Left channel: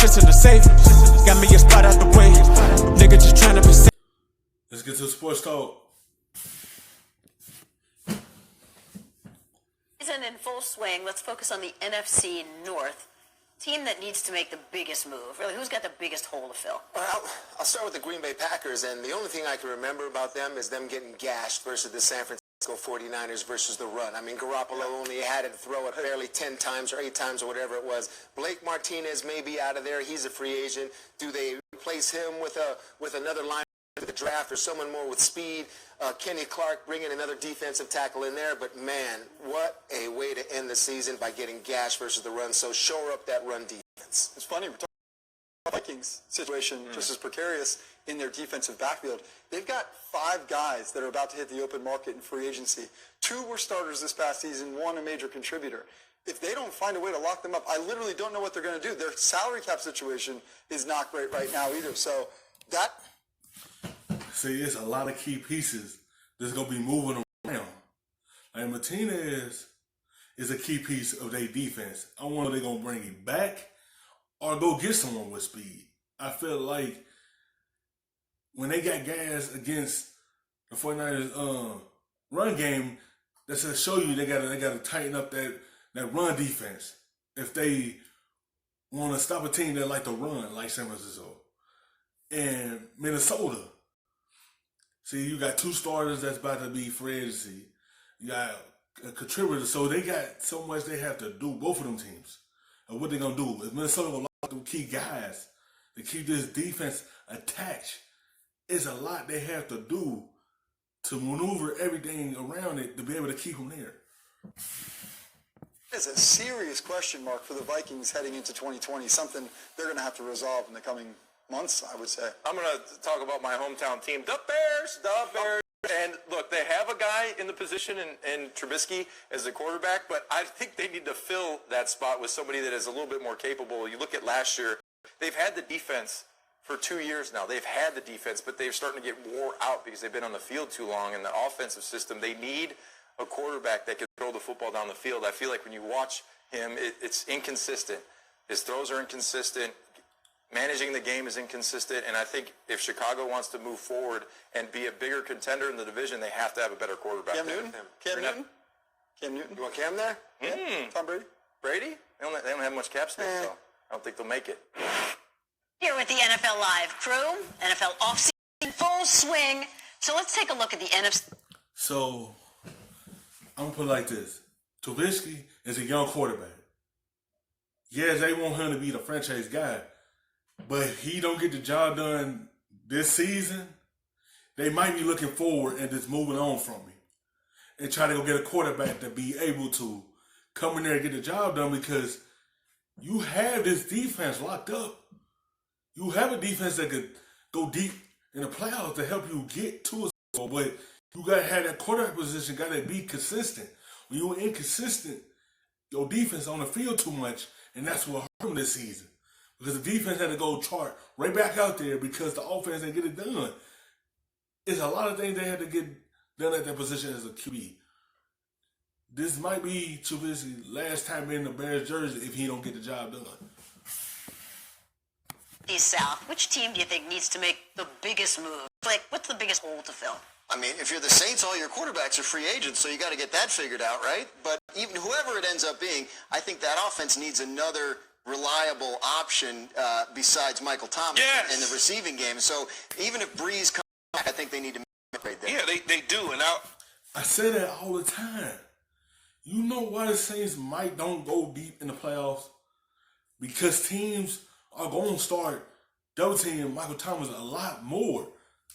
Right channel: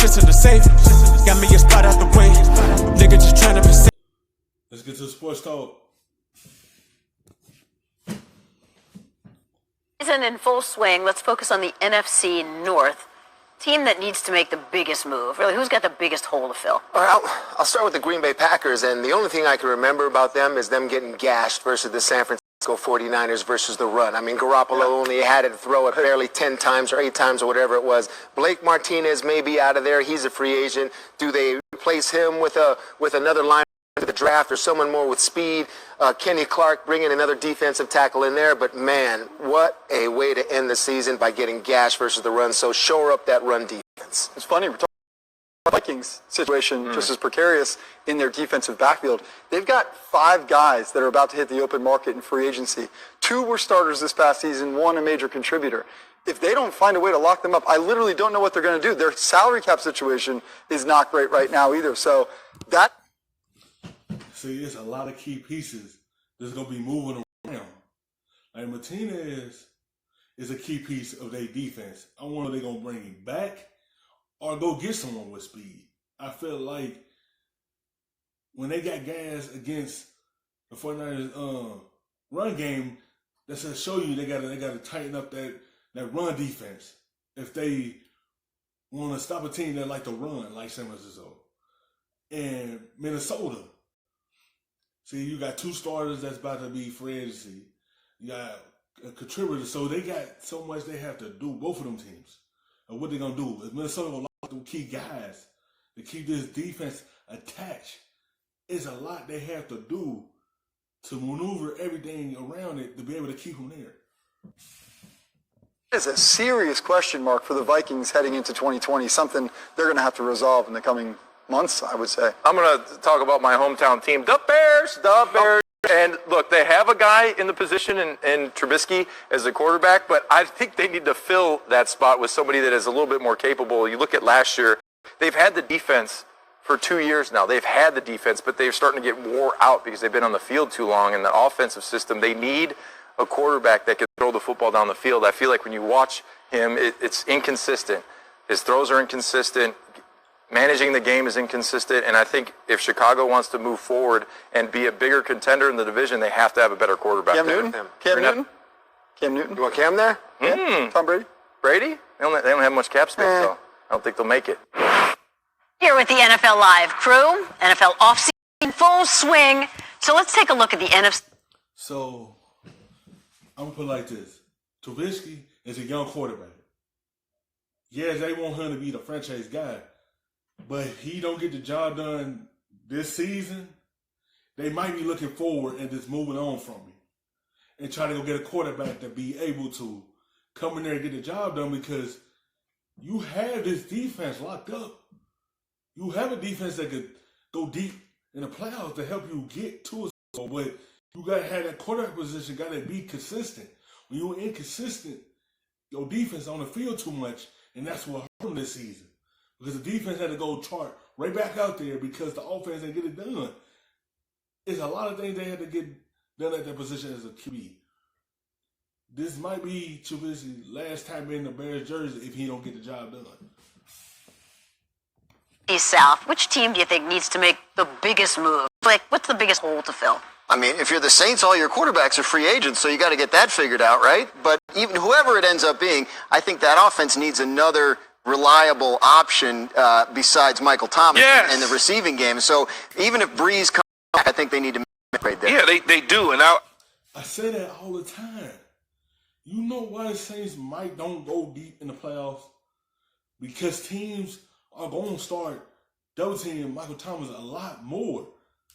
shit's in the safe. Got me a spot out the way. Nigga just tryna be safe. Let's get to the sports talk. Isn't in full swing. Let's focus on the NFC North. Team that needs to make the biggest move. Really, who's got the biggest hole to fill? Well, I'll start with the Green Bay Packers, and the only thing I can remember about them is them getting gashed versus the San Francisco 49ers versus the run. I mean, Garoppolo only had to throw it barely 10 times or 8 times or whatever it was. Blake Martinez may be out of there. He's a free agent. Do they replace him with another line of the draft or someone more with speed? Kenny Clark bringing another defensive tackle in there. But, man, what a way to end the season by getting gashed versus the run. So shore up that run defense. It's funny, we're talking about the Vikings situation just as precarious in their defensive backfield. They've got 5 guys that are about to hit the open market in free agency. 2 were starters this past season, 1 a major contributor. If they don't find a way to lock them up, I literally don't know what they're going to do. Their salary cap situation is not great right now either. So that... See, it's a lot of key pieces that's going to be moving around. Like Martinez is a key piece of their defense. I wonder if they're going to bring him back or go get someone with speed. I feel like when they got gas against the 49ers run game, that's to show you they got to tighten up that run defense if they want to stop a team that like to run like San Francisco. And Minnesota. See, you got 2 starters that's about to be free agency. You got a contributor, so they got so much they have to do, both of them teams. And what they going to do? If Minnesota going to lock them key guys to keep this defense attached, it's a lot they have to do to maneuver everything around it to be able to keep them there. It's a serious question mark for the Vikings heading into 2020, something they're going to have to resolve in the coming months, I would say. I'm going to talk about my hometown team, the Bears, the Bears. And look, they have a guy in the position in Trubisky as a quarterback, but I think they need to fill that spot with somebody that is a little bit more capable. You look at last year, they've had the defense for 2 years now. They've had the defense, but they're starting to get wore out because they've been on the field too long. In the offensive system, they need a quarterback that can throw the football down the field. I feel like when you watch him, it's inconsistent. His throws are inconsistent. Managing the game is inconsistent, and I think if Chicago wants to move forward and be a bigger contender in the division, they have to have a better quarterback. Cam Newton? Cam Newton? You want Cam there? Yeah. Tom Brady? Brady? They don't have much cap space, though. I don't think they'll make it. Here with the NFL Live crew, NFL offseason full swing. So let's take a look at the NFC. So, I'm going to put it like this. Trubisky is a young quarterback. Yes, they want him to be the franchise guy, but he don't get the job done this season, they might be looking forward and just moving on from him and try to go get a quarterback to be able to come in there and get the job done, because you have this defense locked up. You have a defense that could go deep in the playoffs to help you get to a Super Bowl, but you got to have that quarterback position, got to be consistent. When you're inconsistent, your defense on the field too much, and that's what hurt them this season. Because the defense had to go chart right back out there because the offense didn't get it done. It's a lot of things they had to get done at that position as a QB. This might be Trubisky's last time in the Bears jersey if he don't get the job done. East South, which team do you think needs to make the biggest move? Like, what's the biggest hole to fill? I mean, if you're the Saints, all your quarterbacks are free agents, so you got to get that figured out, right? But even whoever it ends up being, I think that offense needs another reliable option besides Michael Thomas in the receiving game. So even if Breeze comes back, I think they need to make right there. Yeah, they do. And I say that all the time. You know why the Saints don't go deep in the playoffs? Because teams are going to start double teaming Michael Thomas a lot more.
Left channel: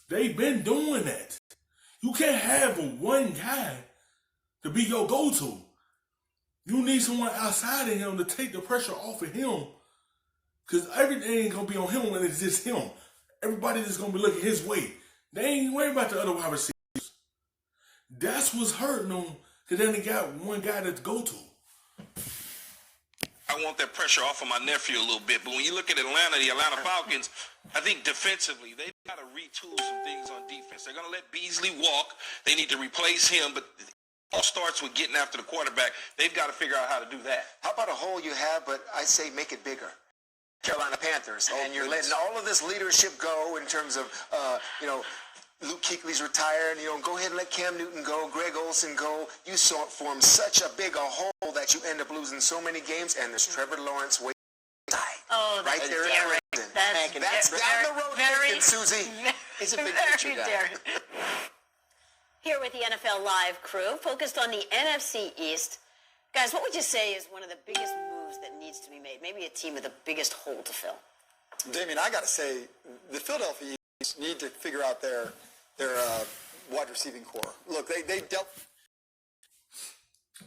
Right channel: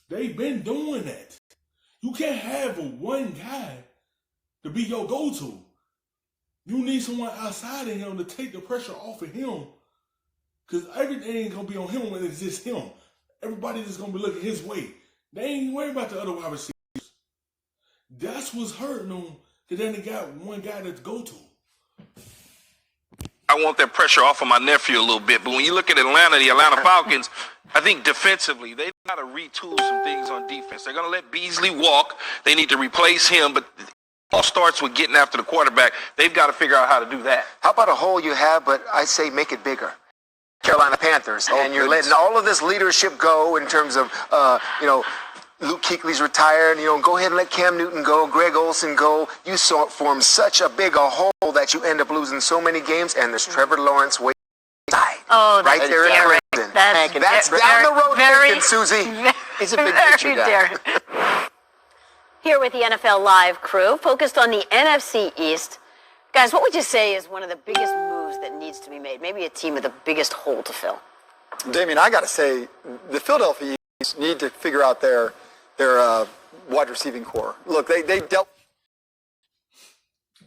They've been doing that. You can't have one guy to be your go-to. You need someone outside of him to take the pressure off of him, because everything ain't going to be on him when it's just him. Everybody just going to be looking his way. They ain't worried about the other wide receivers. That's what's hurting them, because then they got one guy to go to. I want that pressure off of my nephew a little bit. But when you look at Atlanta, the Atlanta Falcons, I think defensively, they've got to retool some things on defense. They're going to let Beasley walk. They need to replace him, but it all starts with getting after the quarterback. They've got to figure out how to do that. How about a hole you have, but I say make it bigger? Carolina Panthers, and you're letting all of this leadership go in terms of, Luke Kuechly's retired. Go ahead and let Cam Newton go, Greg Olsen go. You form such a big hole that you end up losing so many games, and there's Trevor Lawrence waiting side. Oh, right there in Clemson. That's down the road thinking, Susie. It's a big picture guy. Here with the NFL Live crew, focused on the NFC East. Guys, what would you say is one of the biggest moves that needs to be made? Maybe a team with the biggest hole to fill. Damien, I got to say, the Philadelphia Eagles need to figure out their wide receiving core. Look, they dealt.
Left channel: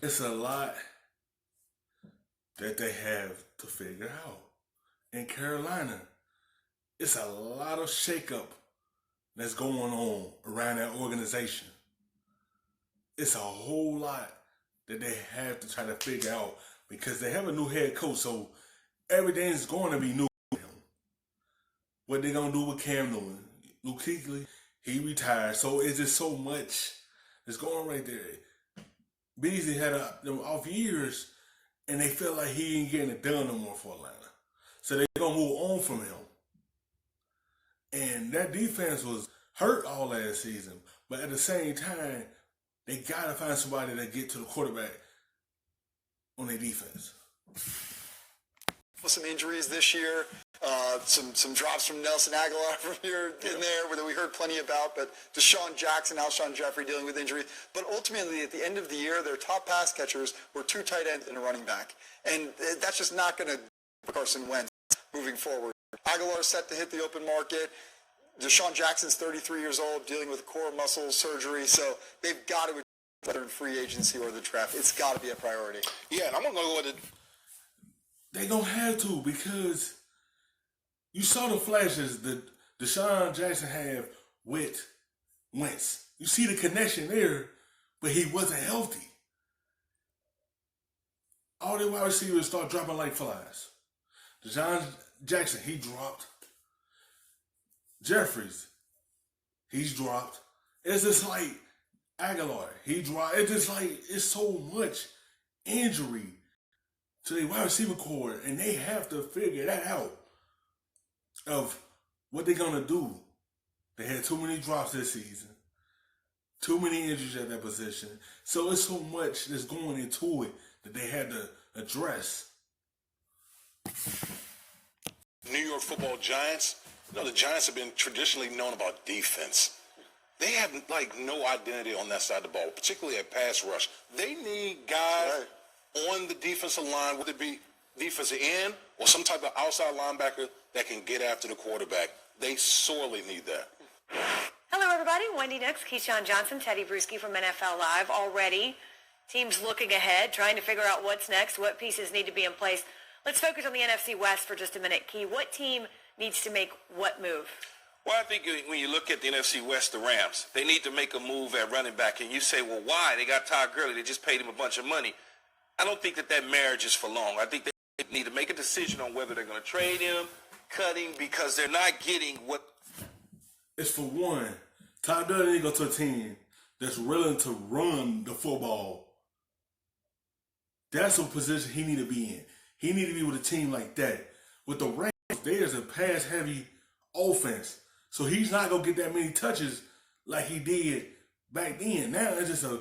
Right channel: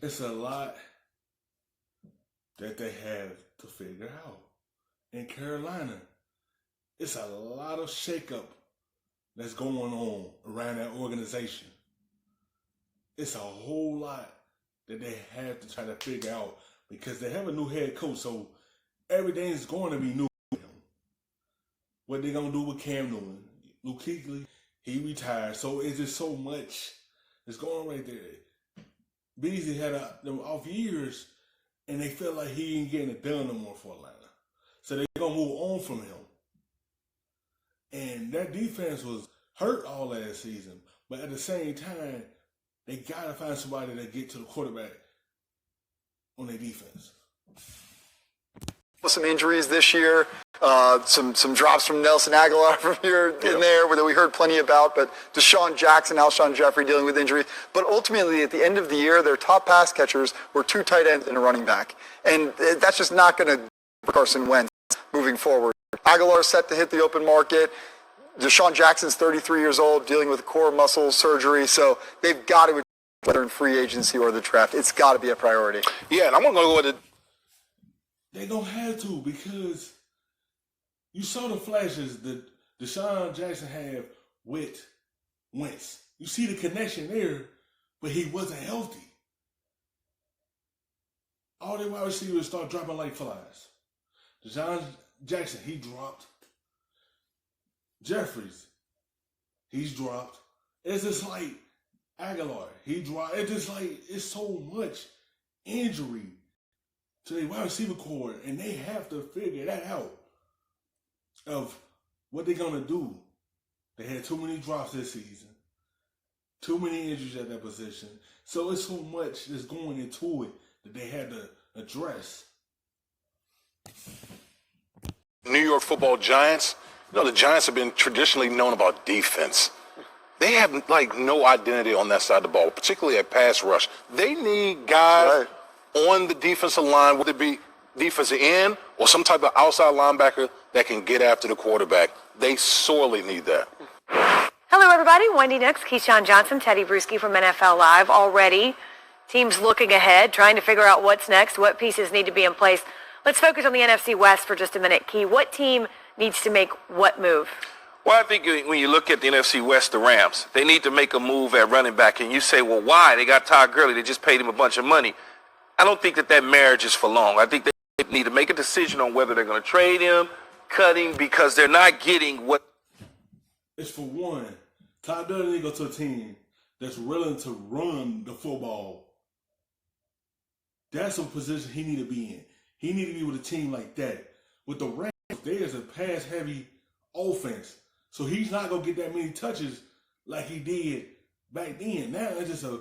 It's a lot that they have to figure out. In Carolina, it's a lot of shakeup that's going on around that organization. It's a whole lot that they have to try to figure out because they have a new head coach, so everything's going to be new for him. What they going to do with Cam Newton? Luke Kuechly, he retired, so it's just so much that's going on right there. Beasley had them off years, and they feel like he ain't getting it done no more for Atlanta. So they're going to move on from him. And that defense was hurt all last season, but at the same time, they got to find somebody that get to the quarterback on their defense. Some injuries this year, some drops from Nelson Aguilar from here and there that we heard plenty about, but Deshaun Jackson, Alshon Jeffrey dealing with injury. But ultimately, at the end of the year, their top pass catchers were 2 tight ends and a running back. And that's just not going to for Carson Wentz moving forward. Aguilar set to hit the open market. Deshaun Jackson's 33 years old, dealing with core muscle surgery, so they've got to, whether in free agency or the draft, it's got to be a priority. Yeah, and I'm going to go with it. They don't have to because you saw the flashes that Deshaun Jackson have with Wentz. You see the connection there, but he wasn't healthy. All the wide receivers start dropping like flies. Deshaun Jackson, he dropped. Jeffries, he's dropped. It's just like Aguilar, he dropped. It's just like it's so much injury to the wide receiver core, and they have to figure that out of what they're gonna do. They had too many drops this season, too many injuries at that position. So it's so much that's going into it that they had to address. New York Football Giants. The Giants have been traditionally known about defense. They have no identity on that side of the ball, particularly at pass rush. They need guys on the defensive line, whether it be defensive end or some type of outside linebacker that can get after the quarterback. They sorely need that. Hello, everybody. Wendy Nix, Keyshawn Johnson, Teddy Bruschi from NFL Live. Already, teams looking ahead, trying to figure out what's next, what pieces need to be in place. Let's focus on the NFC West for just a minute. Key, what team needs to make what move? Well, I think when you look at the NFC West, the Rams, they need to make a move at running back. And you say, well, why? They got Todd Gurley. They just paid him a bunch of money. I don't think that marriage is for long. I think they need to make a decision on whether they're going to trade him, cut him, because they're not getting what. It's for one, Todd Gurley need to go to a team that's willing to run the football. That's a position he need to be in. He need to be with a team like that. With the Rams, there's a pass-heavy offense. So he's not going to get that many touches like he did back then. Now it's just a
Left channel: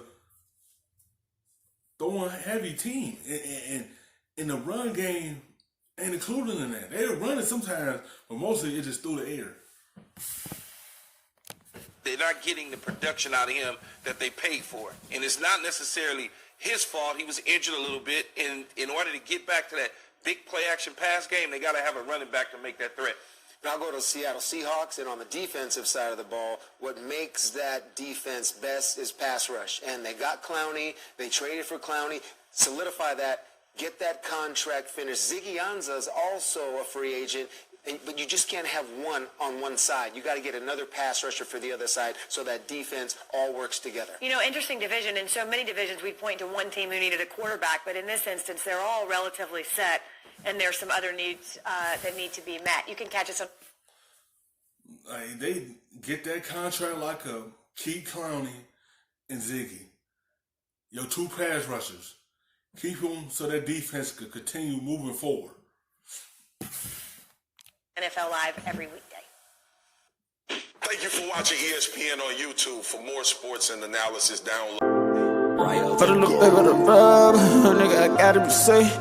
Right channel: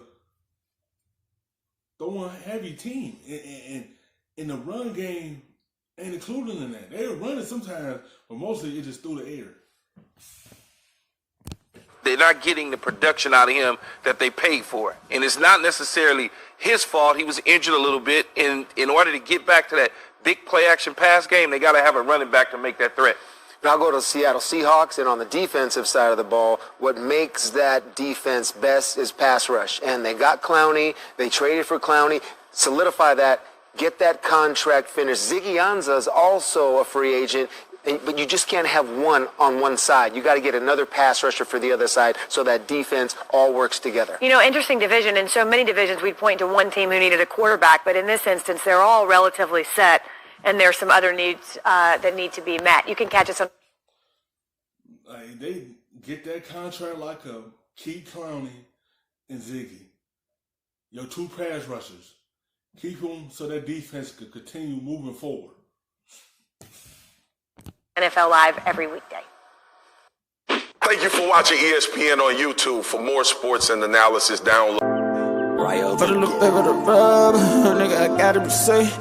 throwing-heavy team. And in the run game, ain't included in that. They're running sometimes, but mostly it's just through the air. They're not getting the production out of him that they paid for. And it's not necessarily his fault. He was injured a little bit. In order to get back to that big play-action pass game, they got to have a running back to make that threat. Now I'll go to the Seattle Seahawks, and on the defensive side of the ball, what makes that defense best is pass rush. And they got Clowney. They traded for Clowney. Solidify that. Get that contract finished. Ziggy Ansah is also a free agent, but you just can't have one on one side. You got to get another pass rusher for the other side so that defense all works together. Interesting division. In so many divisions, we'd point to one team who needed a quarterback, but in this instance, they're all relatively set. And there's some other needs that need to be met. You can catch us on. They get that contract like a keep Clowney and Ziggy. Your 2 pass rushers. Keep them so that defense could continue moving forward. NFL Live every weekday. Thank you for watching ESPN on YouTube. For more sports and analysis, download. For the look back of the rub, nigga, I gotta be safe.